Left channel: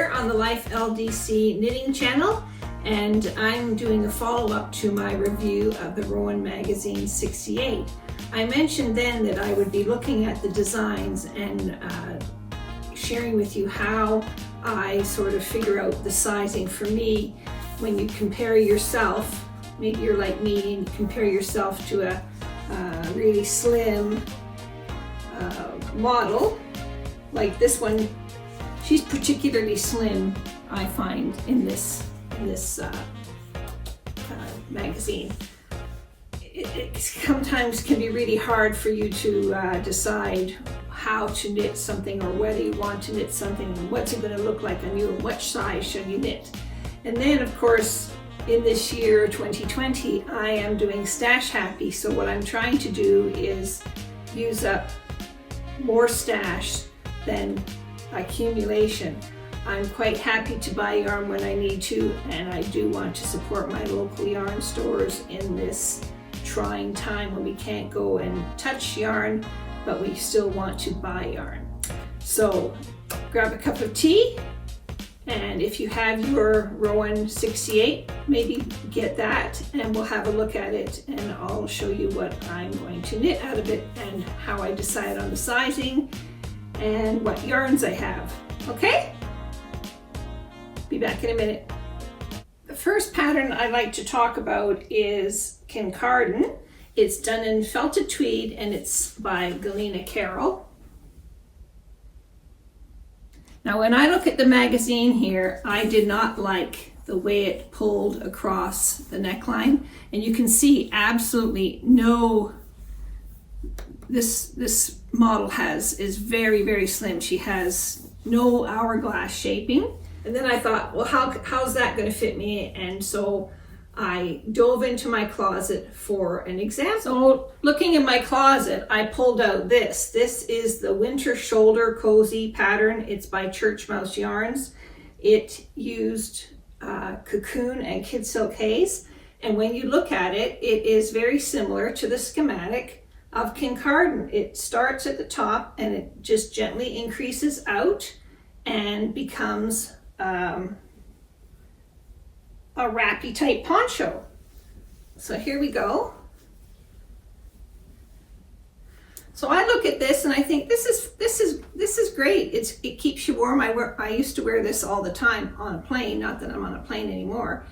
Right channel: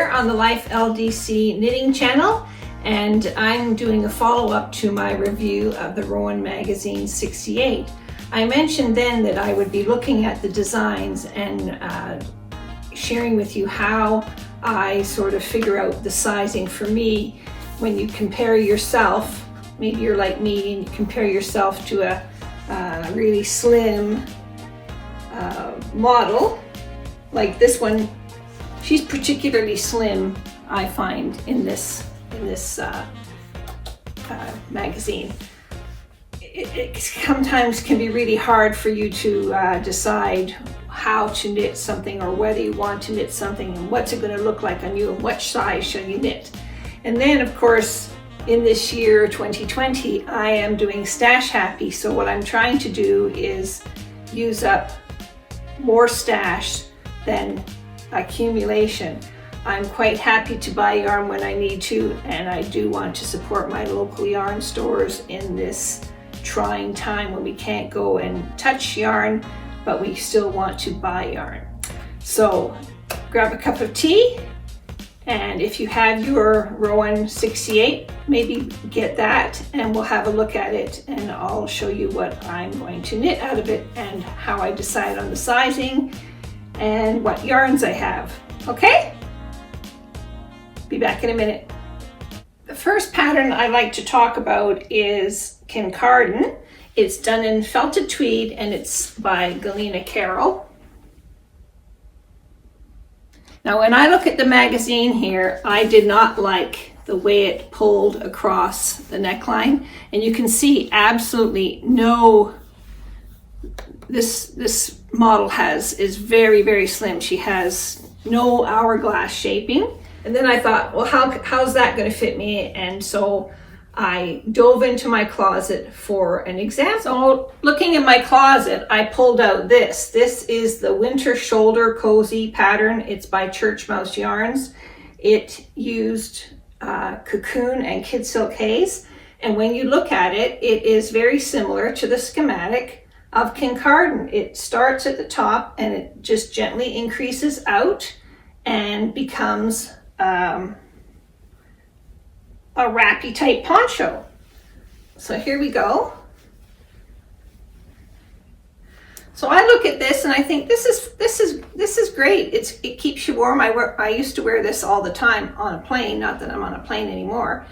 here on the Life LDC knitting channel, and I'm doing a follow-up to my review of the Rowan Magazine 68. I mentioned then that I would be looking at the designs and sharing with you how I sort of figure out the sizing for me when you compare yourself. Maybe you're like me and you compare yourself to a really slim model like this one. She's particularly slim, I find, in this magazine. It sometimes can be really hard for you to decide how to knit something, or whether you want to knit something, and what's it going to look like on you, and what size should you knit. And then, of course, in this year 2020, I am doing Stash Happy. So what I'm trying to do is use up more stash than accumulation. I'm quite happy to buy yarn when I need to, and I do want to support my local yarn stores in this trying time when we can't go and touch yarn, but we still want to buy yarn. So grab a cup of tea, and if you have your Rowan 68, maybe get that and we'll have a look at it, and I'll show you what I'm going to knit out of it and how I decide on the sizing and what yarns I have. Okay? Be back in a minute. The first pattern I like to talk about is Kincardine. It's done in felted tweed and it's by Galena Carroll. Now when I look at the magazine here, I did not like the way it pulled across the neckline, and you can see absolutely no, this model is very, very slim. She has no hourglass shaping. And then I thought, well, how's that going to fit me? And so I dove into my closet for an example. So looking in my closet, I pulled out this. This is the Winter Shoulder Cozy pattern. It's by Church Mouse Yarns. It used cocoon and kid silk haze. And when you look at it, it is very similar to the schematic of Kincardine. It starts at the top and it just gently increases out and becomes a wrappy type poncho. So here we go. So I look at this and I think this is great. It keeps you warm. I used to wear this all the time on a plane. Not that I'm on a plane anymore.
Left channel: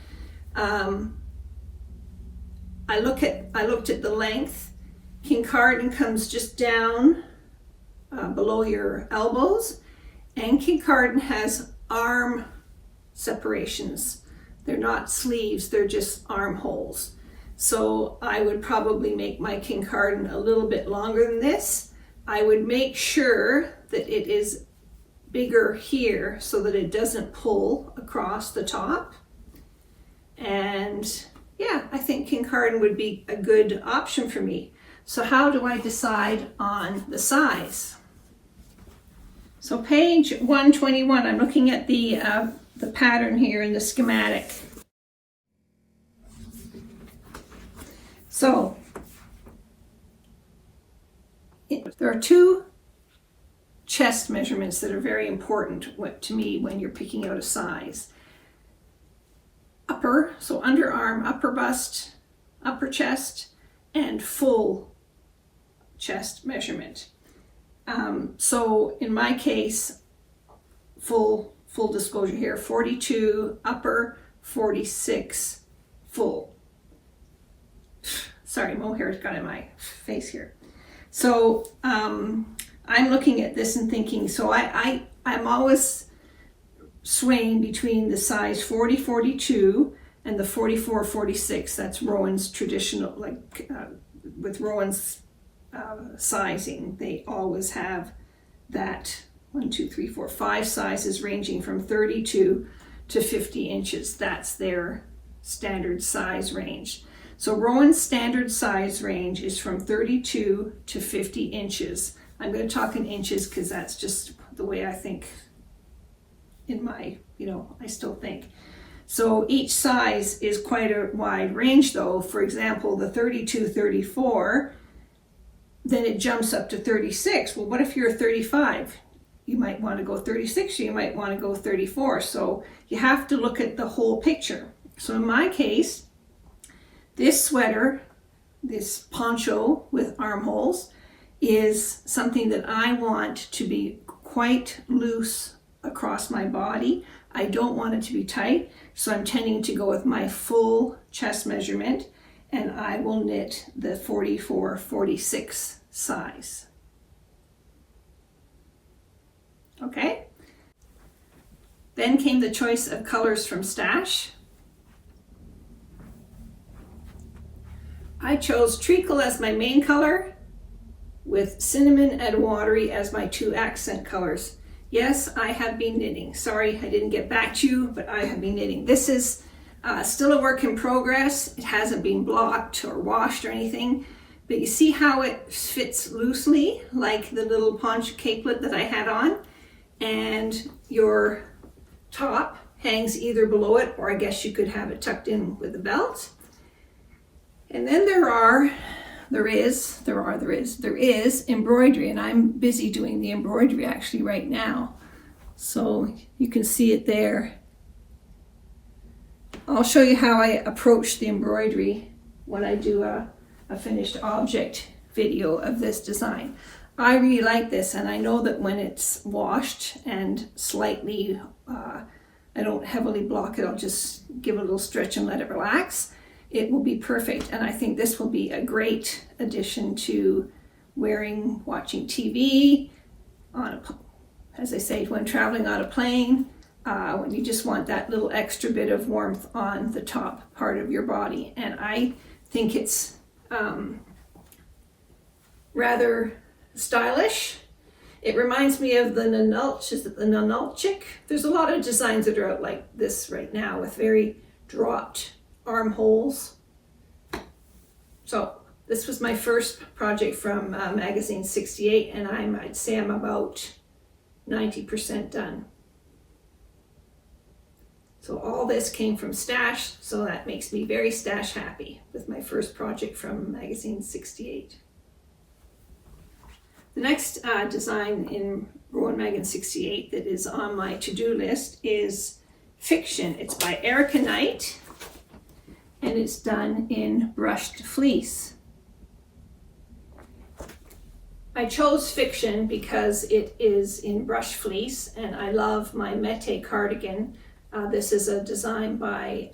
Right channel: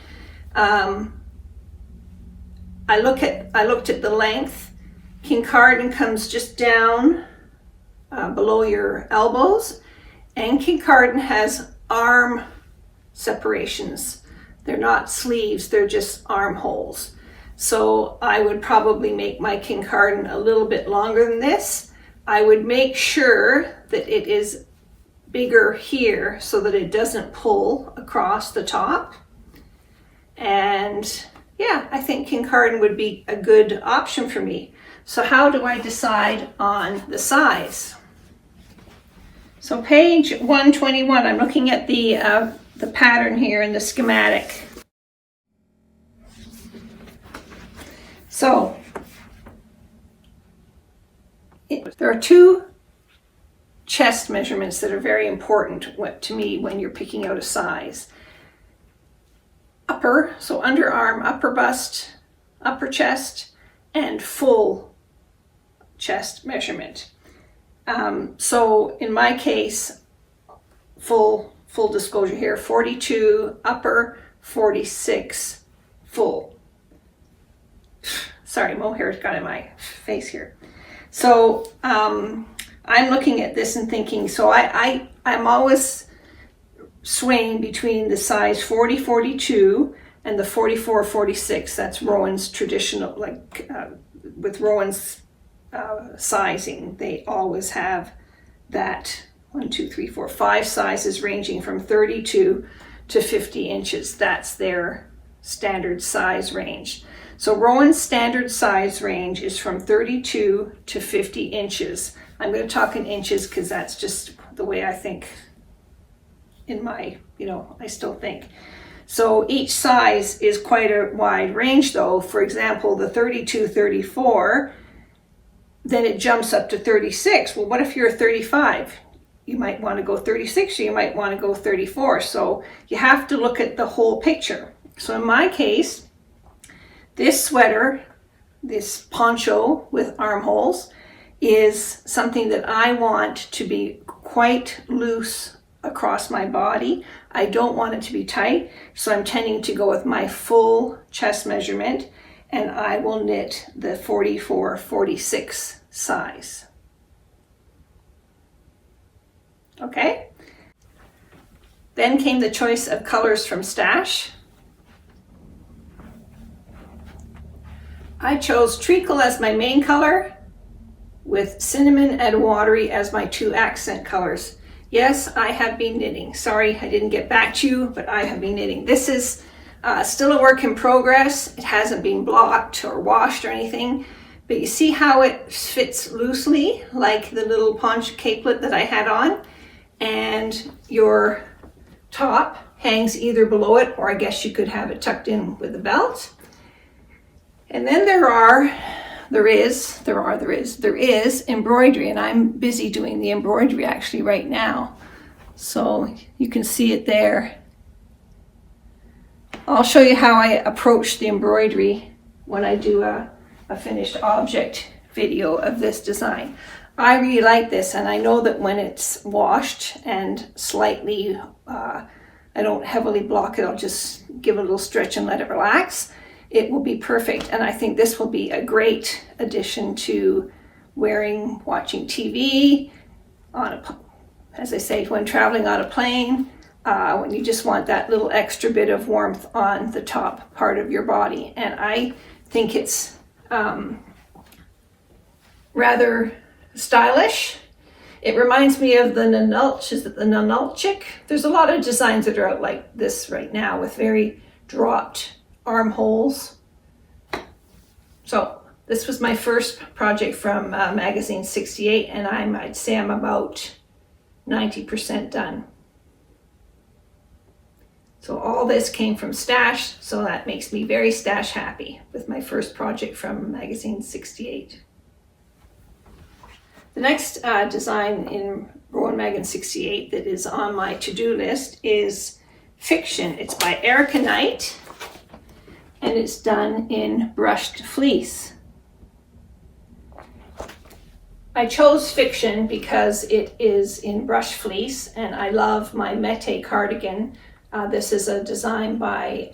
I looked at the length. Kincardine comes just down below your elbows, and Kincardine has arm separations. They're not sleeves, they're just armholes. So I would probably make my Kincardine a little bit longer than this. I would make sure that it is bigger here so that it doesn't pull across the top. And yeah, I think Kincardine would be a good option for me. So how do I decide on the size? So page 121, I'm looking at the pattern here in the schematic. So there are two chest measurements that are very important to me when you're picking out a size. Upper, so underarm, upper bust, upper chest, and full chest measurement. So in my case, full disclosure here, 42 upper, 46 full. Sorry, mohair's got in my face here. So I'm looking at this and thinking, so I'm always swaying between the size 40, 42 and the 44, 46. That's Rowan's traditional, with Rowan's sizing, they always have that 5 sizes ranging from 32 to 50 inches. That's their standard size range. So Rowan's standard size range is from 32 to 50 inches. I'm going to talk in inches because that's just the way I think in my, I still think. So each size is quite a wide range though. For example, the 32, 34, then it jumps up to 36. Well, what if you're a 35? you might want to go 36 or you might want to go 34. So you have to look at the whole picture. So in my case, this sweater, this poncho with armholes, is something that I want to be quite loose across my body. I don't want it to be tight, so I'm tending to go with my full chest measurement, and I will knit the 44-46 size. Okay? Then came the choice of colors from Stash. I chose treacle as my main color, with cinnamon and watery as my two accent colors. Yes, I have been knitting. Sorry I didn't get back to you, but I have been knitting. This is still a work in progress. It hasn't been blocked or washed or anything, but you see how it fits loosely, like the little poncho capelet that I had on, and your top hangs either below it, or I guess you could have it tucked in with a belt. And then there is embroidery, and I'm busy doing the embroidery actually right now. So you can see it there. I'll show you how I approach the embroidery when I do a finished object video of this design. I really like this, and I know that when it's washed and slightly, I don't heavily block it, I'll just give it a little stretch and let it relax. It will be perfect, and I think this will be a great addition to watching TV, as I say, when traveling on a plane, when you just want that little extra bit of warmth on the top part of your body. And I think it's rather stylish. It reminds me of the Nanulch. Is it the Nanulchik? There's a lot of designs that are out like this right now with very dropped armholes. So this was my first project from magazine 68, and I'd say I'm about 90% done. So all this came from Stash, so that makes me very Stash happy with my first project from magazine 68. The next design in Rowan Magazine 68 that is on my to-do list is Fiction. It's by Erica Knight, and it's done in brushed fleece. I chose Fiction because it is in brushed fleece, and I love my Mete cardigan. This is a design by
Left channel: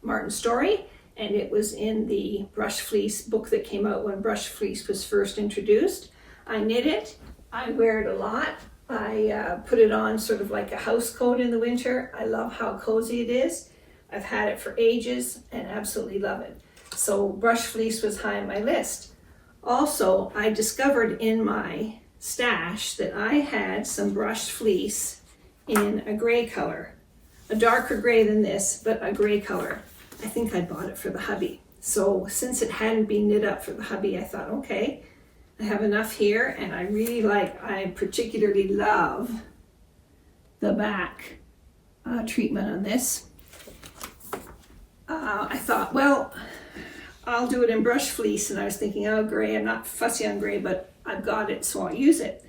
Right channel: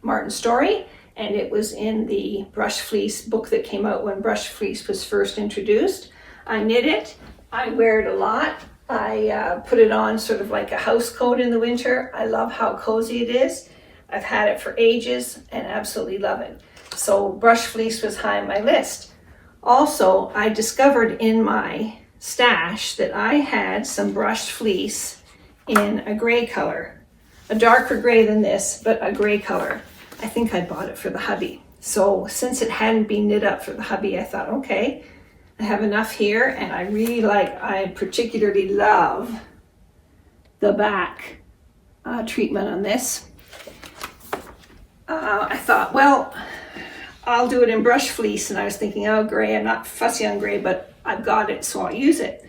Martin Story, and it was in the brushed fleece book that came out when brushed fleece was first introduced. I knit it, I wear it a lot. I put it on sort of like a house coat in the winter. I love how cozy it is. I've had it for ages and absolutely love it. So brushed fleece was high on my list. Also, I discovered in my stash that I had some brushed fleece in a gray color, a darker gray than this, but a gray color. I think I bought it for the hubby. So since it hadn't been knit up for the hubby, I thought, okay, I have enough here, and I particularly love the back treatment on this. I thought, well, I'll do it in brush fleece, and I was thinking, oh, gray, I'm not fussy on gray, but I've got it, so I'll use it.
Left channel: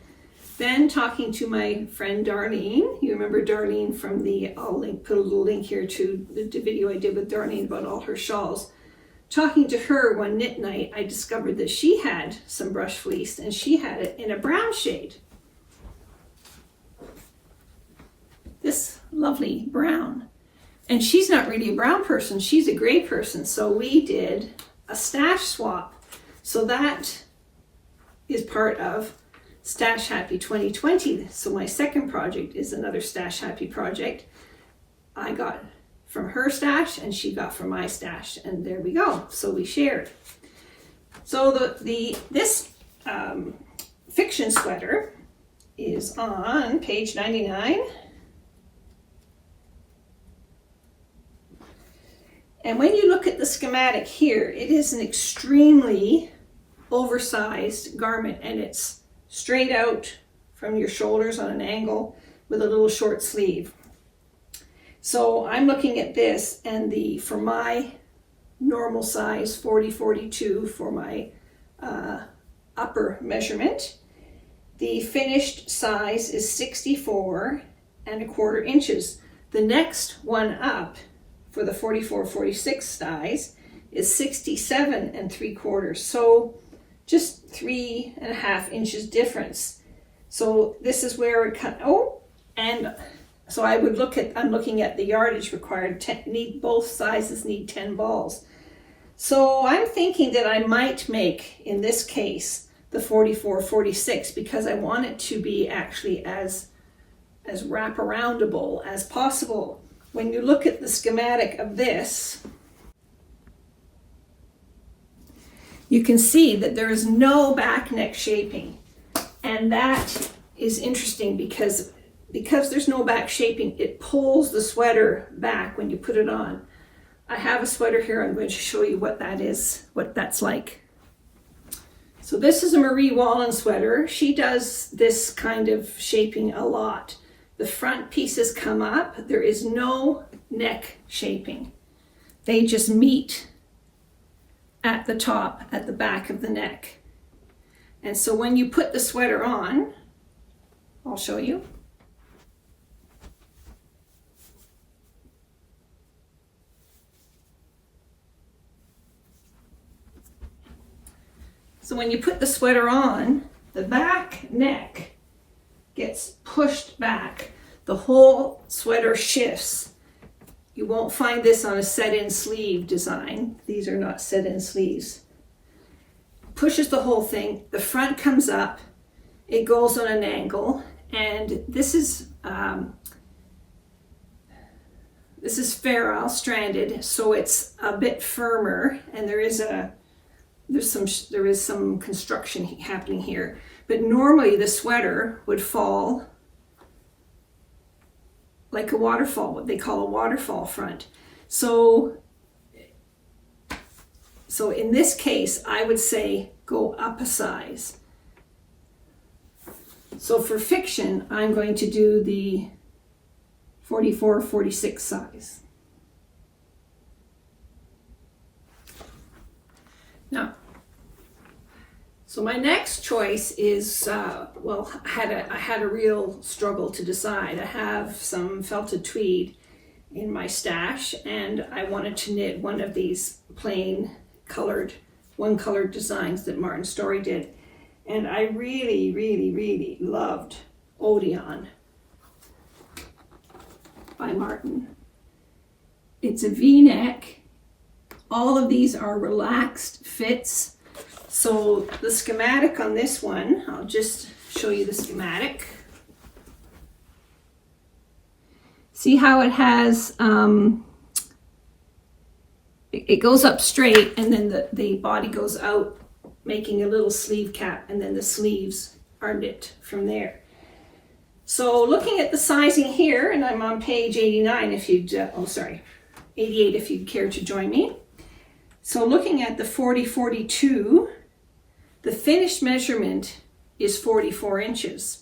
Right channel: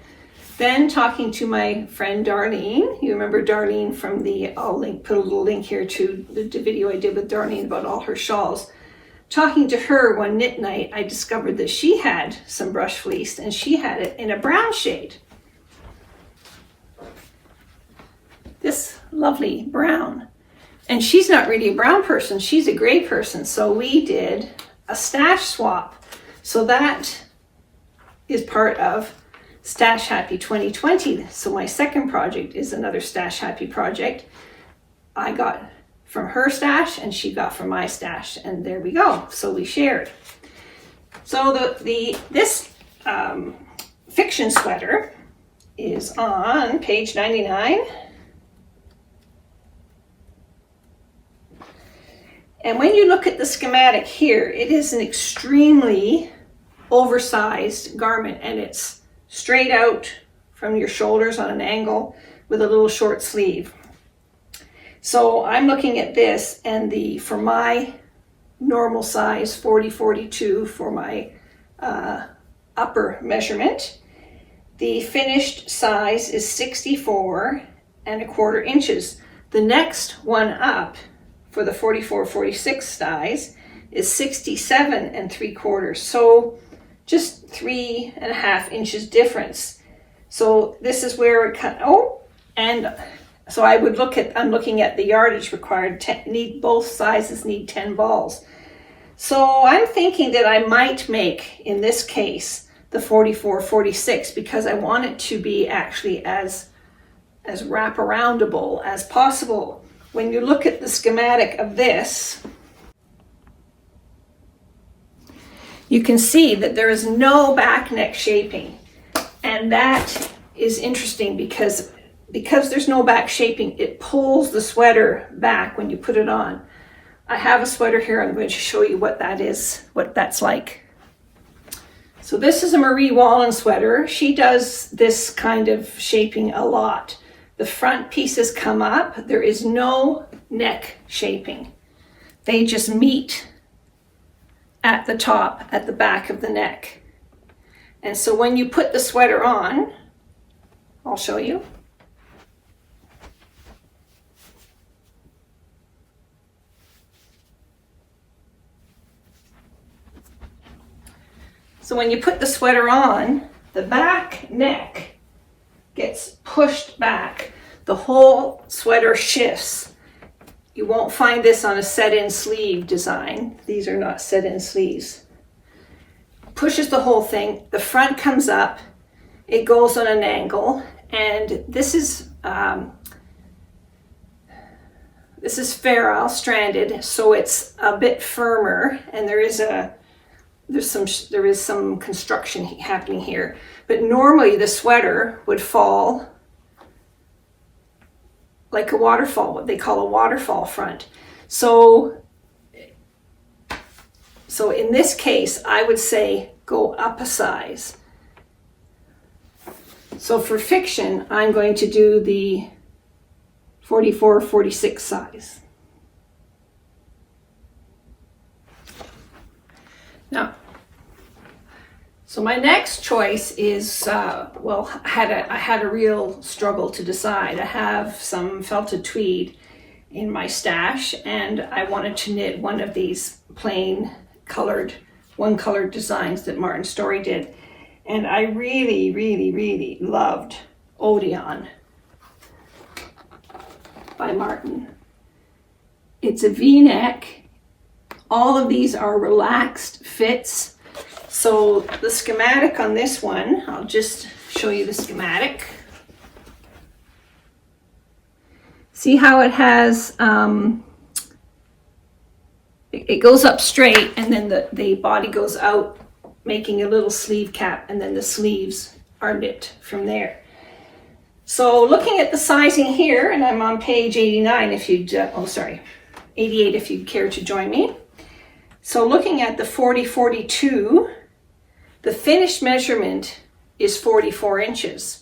Then talking to my friend Darlene, you remember Darlene from I'll put a little link here to the video I did with Darlene about all her shawls. Talking to her one knit night, I discovered that she had some brush fleece, and she had it in a brown shade. This lovely brown. And she's not really a brown person, she's a gray person. So we did a stash swap. So that is part of Stash Happy 2020. So my second project is another Stash Happy project. I got from her stash and she got from my stash, and there we go. So we shared. So this Fiction sweater is on page 99. And when you look at the schematic here, it is an extremely oversized garment, and it's straight out from your shoulders on an angle with a little short sleeve. So I'm looking at this, and for my normal size 40-42 for my upper measurement, The finished size is 64¼ inches. The next one up for the 44-46 size is 67¾ so just 3½ inches difference. So this is where it and so I would I'm looking at the yardage required. Both sizes need 10 balls. So I'm thinking that I might make, in this case, the 44-46 because I want it to be actually as wraparoundable as possible. When you look at the schematic of this, you can see that there is no back neck shaping. And that is interesting because there's no back shaping, it pulls the sweater back when you put it on. I have a sweater here, I'm going to show you what that is, what that's like. So this is a Marie Wallen sweater. She does this kind of shaping a lot. The front pieces come up, there is no neck shaping. They just meet at the top, at the back of the neck. And so when you put the sweater on, I'll show you. So when you put the sweater on, the back neck gets pushed back. The whole sweater shifts. You won't find this on a set-in sleeve design. These are not set-in sleeves. Pushes the whole thing. The front comes up. It goes on an angle. And this is ferrule stranded, so it's a bit firmer. And there is some construction happening here. But normally the sweater would fall like a waterfall, what they call a waterfall front. So in this case, I would say go up a size. So for fiction, I'm going to do the 44-46 size. Now, so my next choice is, well, I had a real struggle to decide. I have some felted tweed in my stash, and I wanted to knit one of these plain one-colored designs that Martin Story did. And I really, really, really loved Odeon by Martin. It's a V-neck. All of these are relaxed fits. So the schematic on this one, I'll just show you the schematic. See how it has, it goes up straight and then the body goes out, making a little sleeve cap, and then the sleeves are knit from there. So looking at the sizing here, and I'm on page 89 if you'd, 88 if you'd care to join me. So looking at the 40-42, the finished measurement is 44 inches.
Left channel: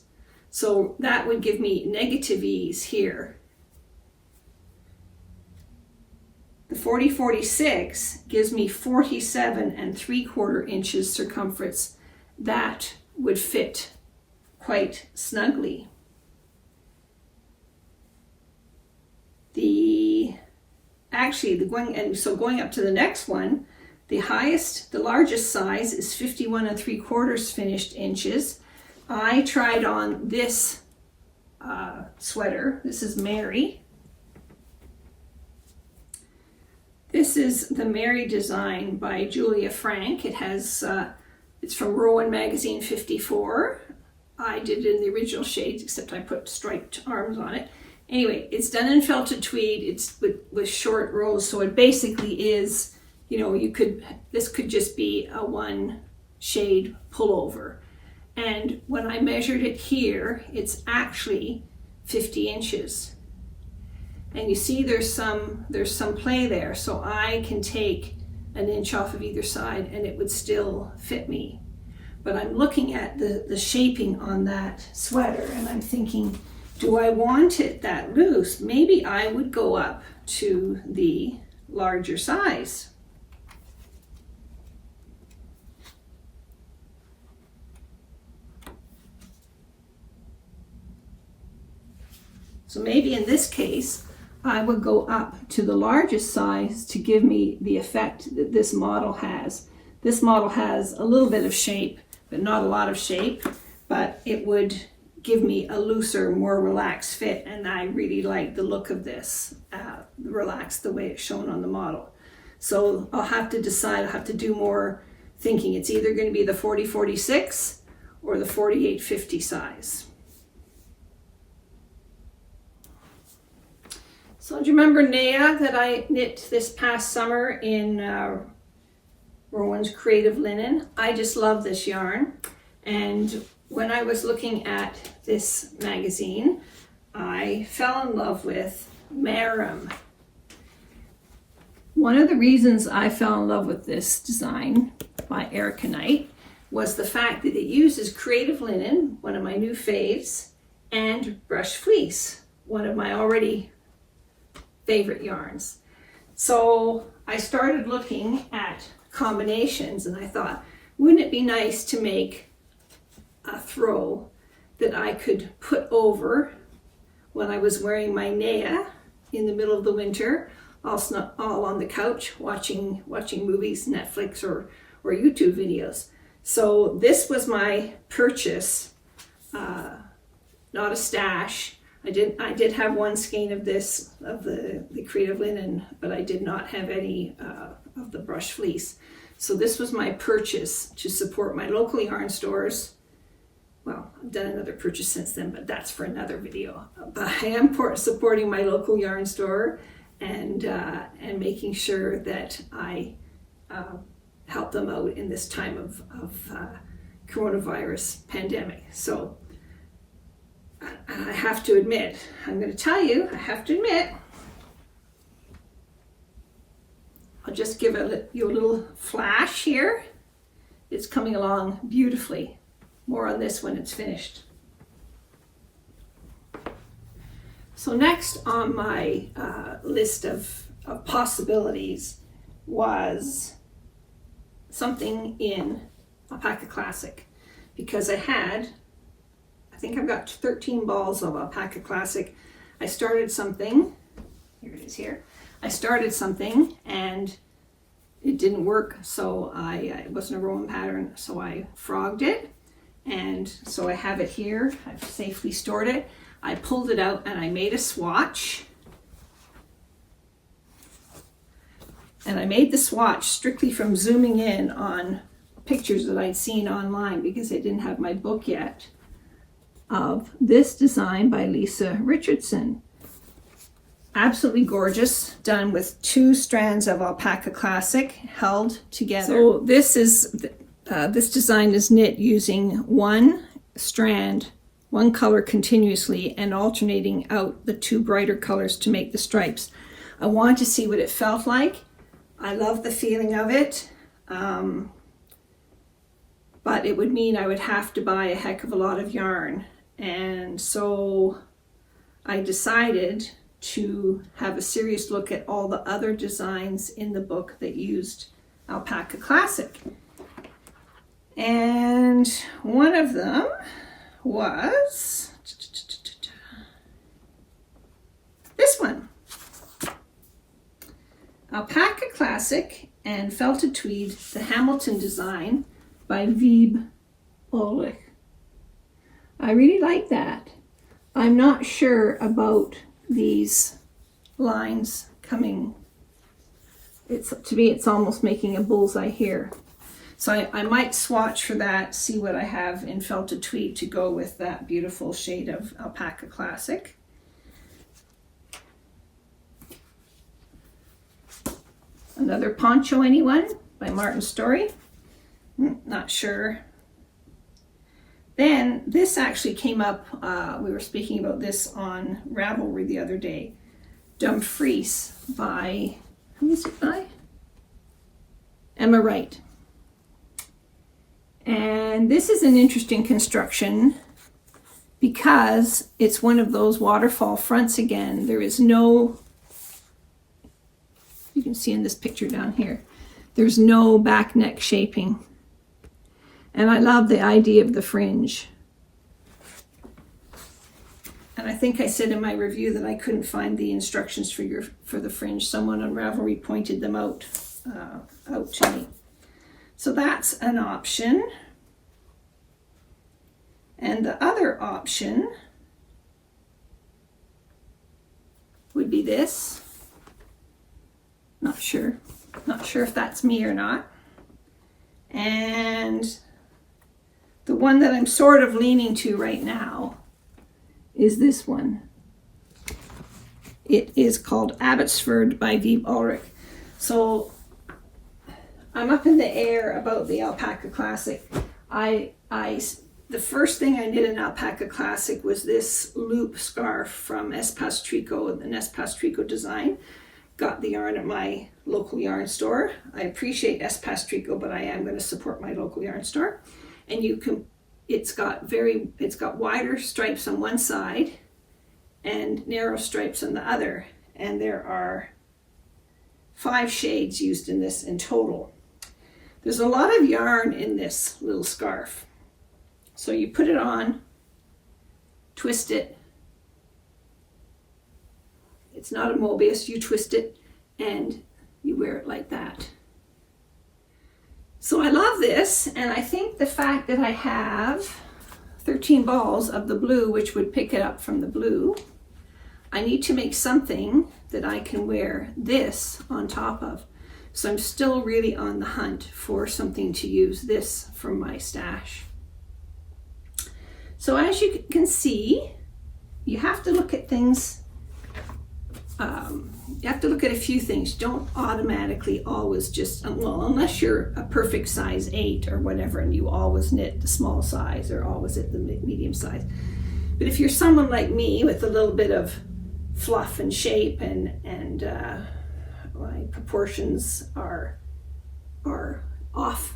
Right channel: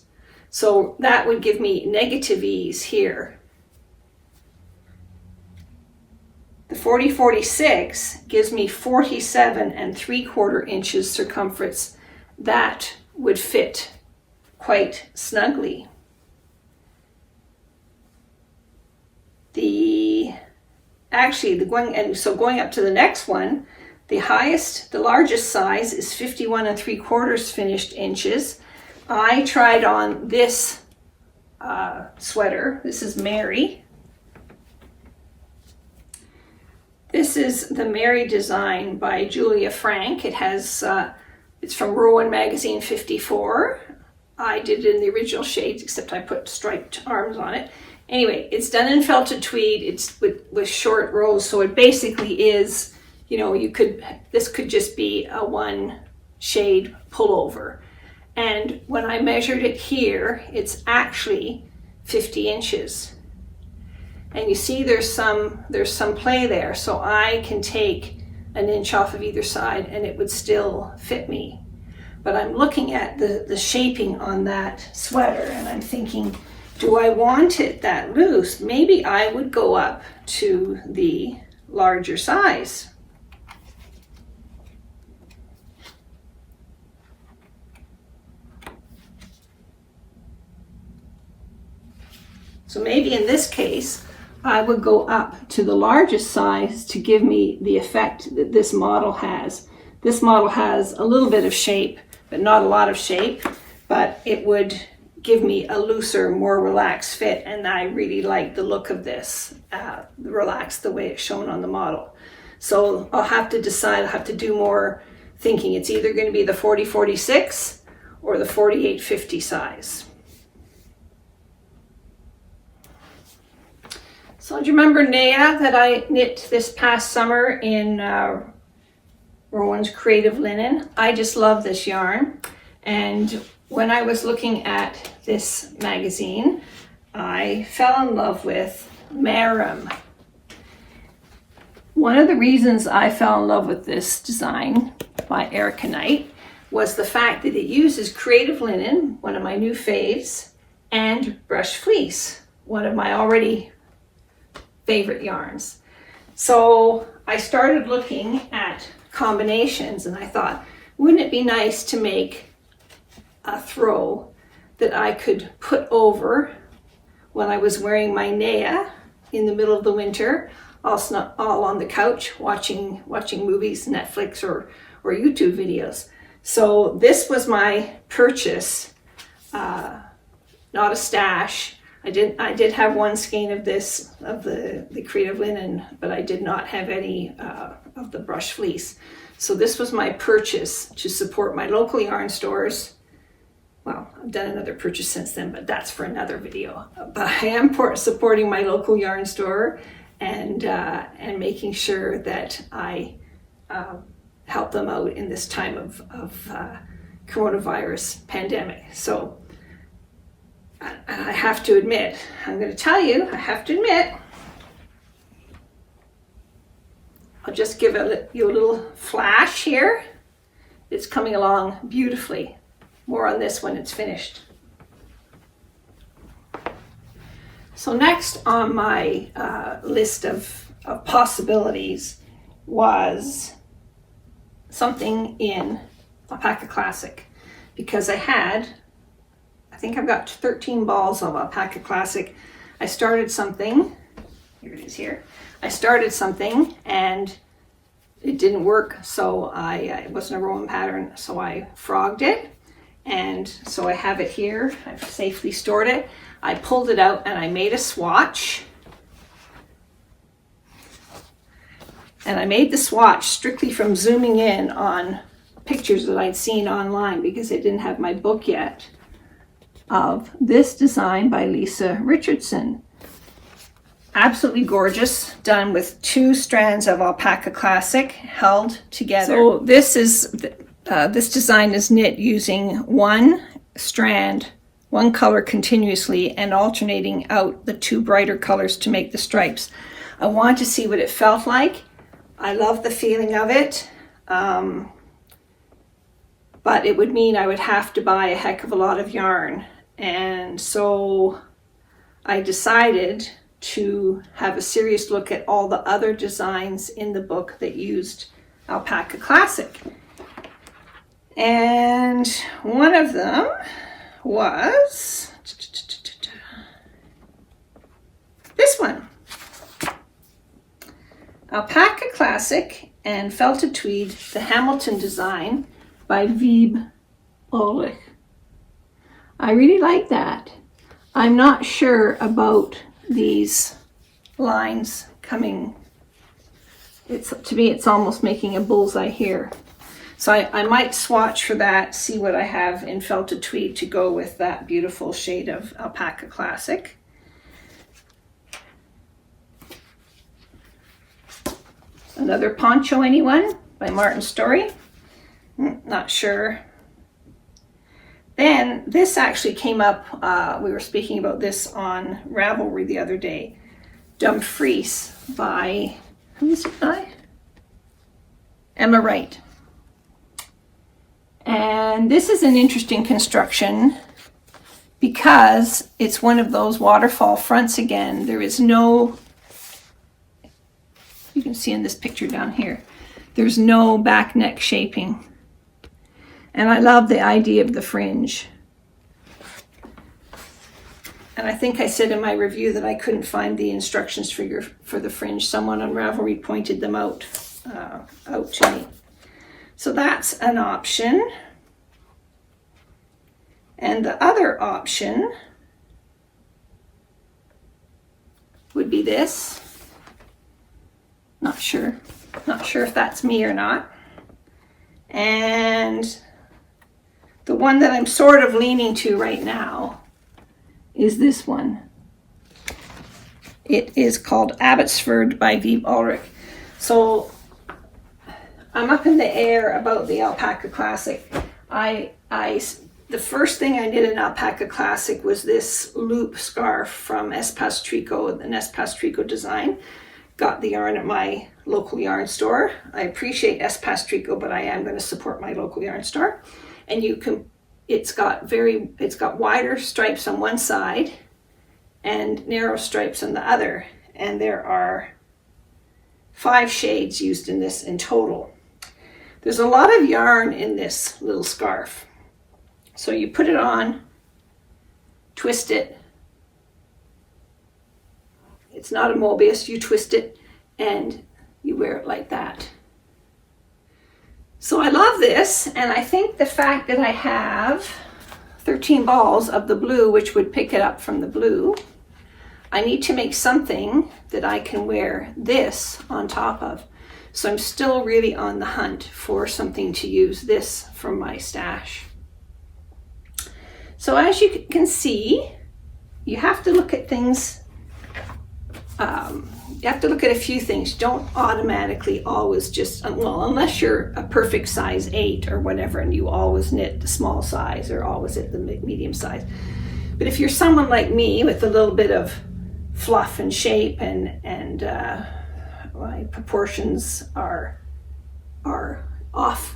So that would give me negative ease here. The 40-46 gives me 47¾ inches circumference. That would fit quite snugly. Going up to the next one, the largest size is 51¾ finished inches. I tried on this sweater. This is Mary. This is the Mary design by Julia Frank. It has, it's from Rowan Magazine 54. I did it in the original shades, except I put striped arms on it. Anyway, it's done in felted tweed. It's with short rows, so it basically is, this could just be a one shade pullover. And when I measured it here, it's actually 50 inches. And you see there's some play there, so I can take an inch off of either side and it would still fit me. But I'm looking at the shaping on that sweater and I'm thinking, do I want it that loose? Maybe I would go up to the larger size. So maybe in this case, I would go up to the largest size to give me the effect that this model has. This model has a little bit of shape, but not a lot of shape, but it would give me a looser, more relaxed fit, and I really like the look of this, relaxed the way it's shown on the model. So I'll have to decide, I'll have to do more thinking. It's either going to be the 40-46 or the 48-50 size. So do you remember Naya that I knit this past summer in Rowan's Creative Linen? I just love this yarn, and when I was looking at this magazine, I fell in love with Marum. One of the reasons I fell in love with this design by Erica Knight was the fact that it uses Creative Linen, one of my new faves, and Brush Fleece, one of my already favorite yarns. So I started looking at combinations, and I thought, wouldn't it be nice to make a throw that I could put over when I was wearing my Naya in the middle of the winter, all on the couch watching movies, Netflix or YouTube videos. So this was my purchase, not a stash. I did have one skein of this, of the Creative Linen, but I did not have any of the Brush Fleece. So this was my purchase to support my local yarn stores. Well, I've done another purchase since then, but that's for another video. But I am supporting my local yarn store and making sure that I help them out in this time of coronavirus pandemic. So I have to admit, I'm going to tell you, I have to admit, I'll just give you a little flash here. It's coming along beautifully. More on this when it's finished. So next on my list of possibilities was something in Alpaca Classic, because I think I've got 13 balls of Alpaca Classic. I started something, here it is here. I started something and it didn't work, so it wasn't a Rowan pattern, so I frogged it. And so I have it here, I've safely stored it. I pulled it out and I made a swatch. And I made the swatch strictly from zooming in on pictures that I'd seen online, because I didn't have my book yet, of this design by Lisa Richardson. Absolutely gorgeous, done with 2 strands of Alpaca Classic held together. So this design is knit using one strand, one color continuously, and alternating out the 2 brighter colors to make the stripes. I wanted to see what it felt like. I love the feeling of it, but it would mean I would have to buy a heck of a lot of yarn. And so I decided to have a serious look at all the other designs in the book that used Alpaca Classic. And one of them was this one. Alpaca Classic and Felted Tweed, the Hamilton design by Wiebe Ulrich. I really like that. I'm not sure about these lines coming. To me, it's almost making a bullseye here. So I might swatch for that, see what I have in Felted Tweed to go with that beautiful shade of Alpaca Classic. Another Poncho Anyone by Martin Story. Not sure. Then this actually came up, we were speaking about this on Ravelry the other day. Dumfries by, who is it by? Emma Wright. And this is an interesting construction because it's one of those waterfall fronts again. There is no, you can see in this picture down here, there's no back neck shaping. And I love the idea of the fringe. And I think I said in my review that I couldn't find the instructions for the fringe. Someone on Ravelry pointed them out to me. So that's an option. And the other option would be this. Not sure if that's me or not. And the one that I'm sort of leaning to right now is this one. It is called Abbotsford by Wiebe Ulrich. So I'm up in the air about the Alpaca Classic. The first thing I did in Alpaca Classic was this loop scarf from Espace Tricot, an Espace Tricot design. Got the yarn at my local yarn store. I appreciate Espace Tricot, but I am going to support my local yarn store. And it's got wider stripes on one side and narrow stripes on the other. And there are 5 shades used in this in total. There's a lot of yarn in this little scarf. So you put it on, twist it. It's not a Mobius, you twist it and you wear it like that. So I love this, and I think the fact that I have 13 balls of the blue, which would pick it up from the blue, I need to make something that I can wear this on top of. So I'm still really on the hunt for something to use this from my stash. So as you can see, you have to look at things, you have to look at a few things. Don't automatically always just, well, unless you're a perfect size 8 or whatever, and you always knit the small size or always at the medium size. But if you're someone like me with a little bit of fluff and shape and my proportions are off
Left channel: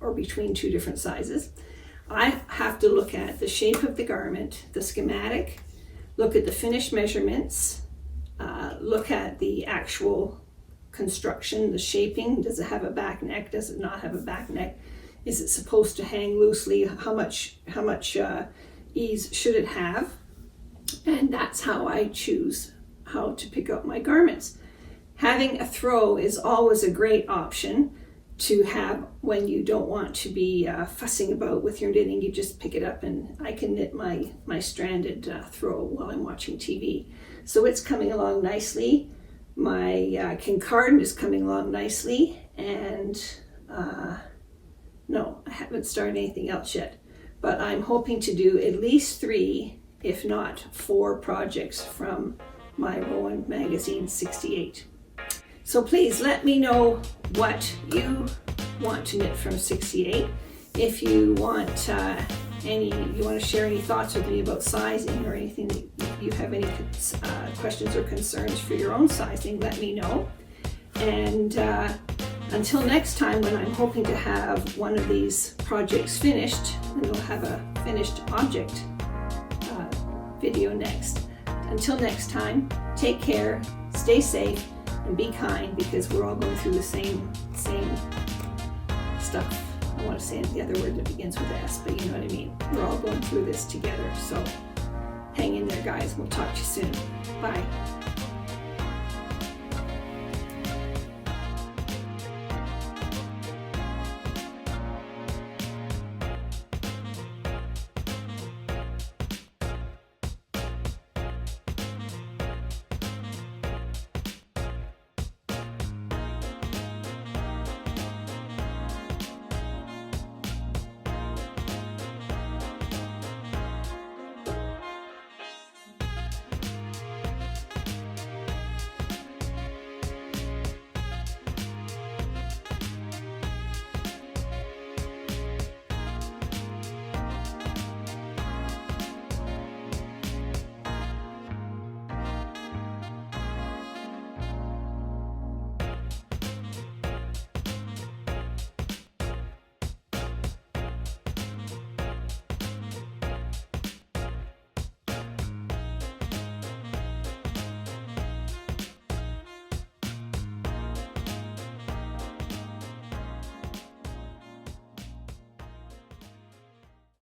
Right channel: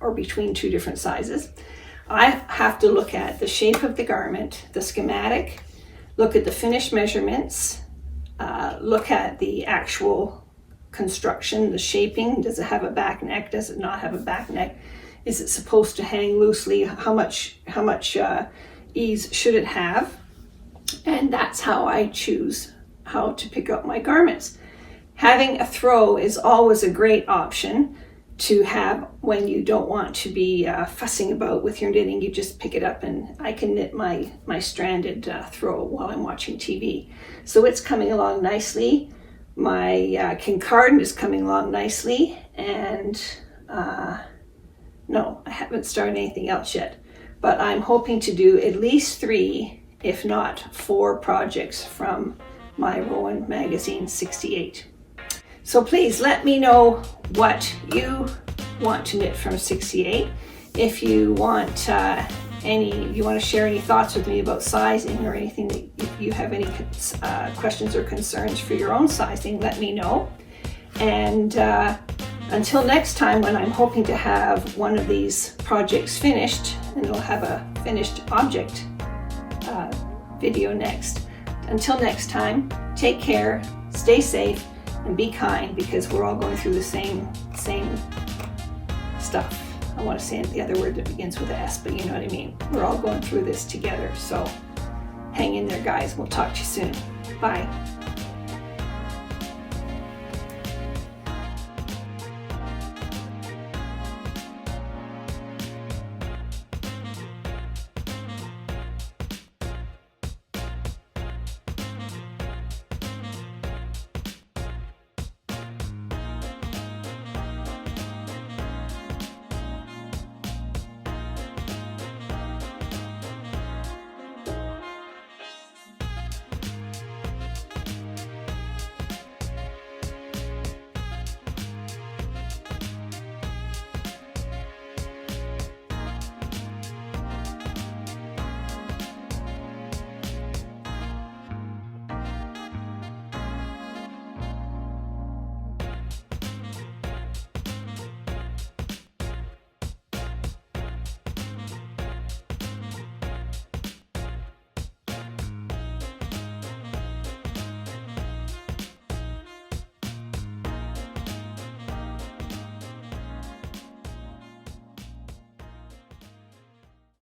or between 2 different sizes, I have to look at the shape of the garment, the schematic, look at the finished measurements, look at the actual construction, the shaping. Does it have a back neck? Does it not have a back neck? Is it supposed to hang loosely? How much ease should it have? And that's how I choose how to pick up my garments. Having a throw is always a great option to have when you don't want to be fussing about with your knitting. You just pick it up and I can knit my stranded throw while I'm watching TV. So it's coming along nicely. My Kincardine is coming along nicely, and no, I haven't started anything else yet, but I'm hoping to do at least 3, if not 4 projects from my Rowan Magazine 68. So please let me know what you want to knit from 68. If you want you want to share any thoughts with me about sizing or anything, that you have any questions or concerns for your own sizing, let me know. And until next time, when I'm hoping to have one of these projects finished, and it'll have a finished object video next. Until next time, take care, stay safe, and be kind, because we're all going through the same stuff. I want to say the other word that begins with an S, but you know what I mean. We're all going through this together. So hang in there, guys. We'll talk to you soon. Bye.